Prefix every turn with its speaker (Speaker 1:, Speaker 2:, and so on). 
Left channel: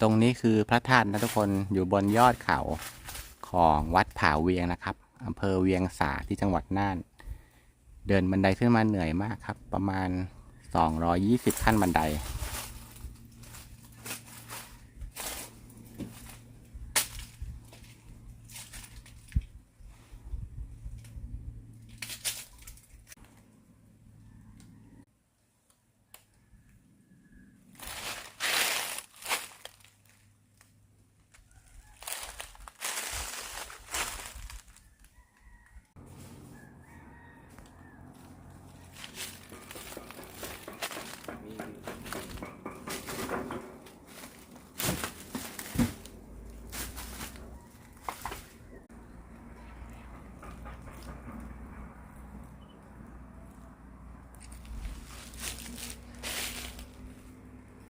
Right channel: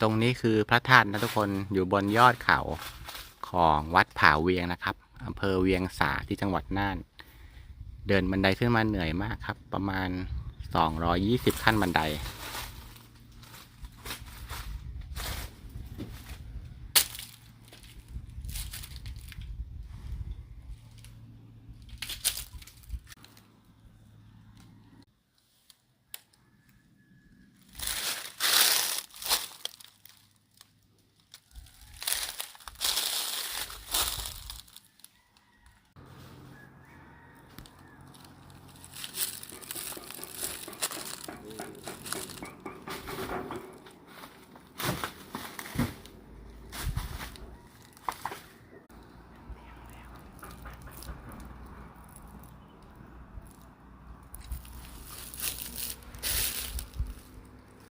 Speaker 1: ตรงนี้คือพระธาตุนะทุกคนอยู่บนยอดเขาของวัดผาเวียงนะครับอำเภอเวียงสาที่จังหวัดน่าน เดินบันไดขึ้นมาเหนื่อยมากครับ ประมาณ 220 ขั้นบันได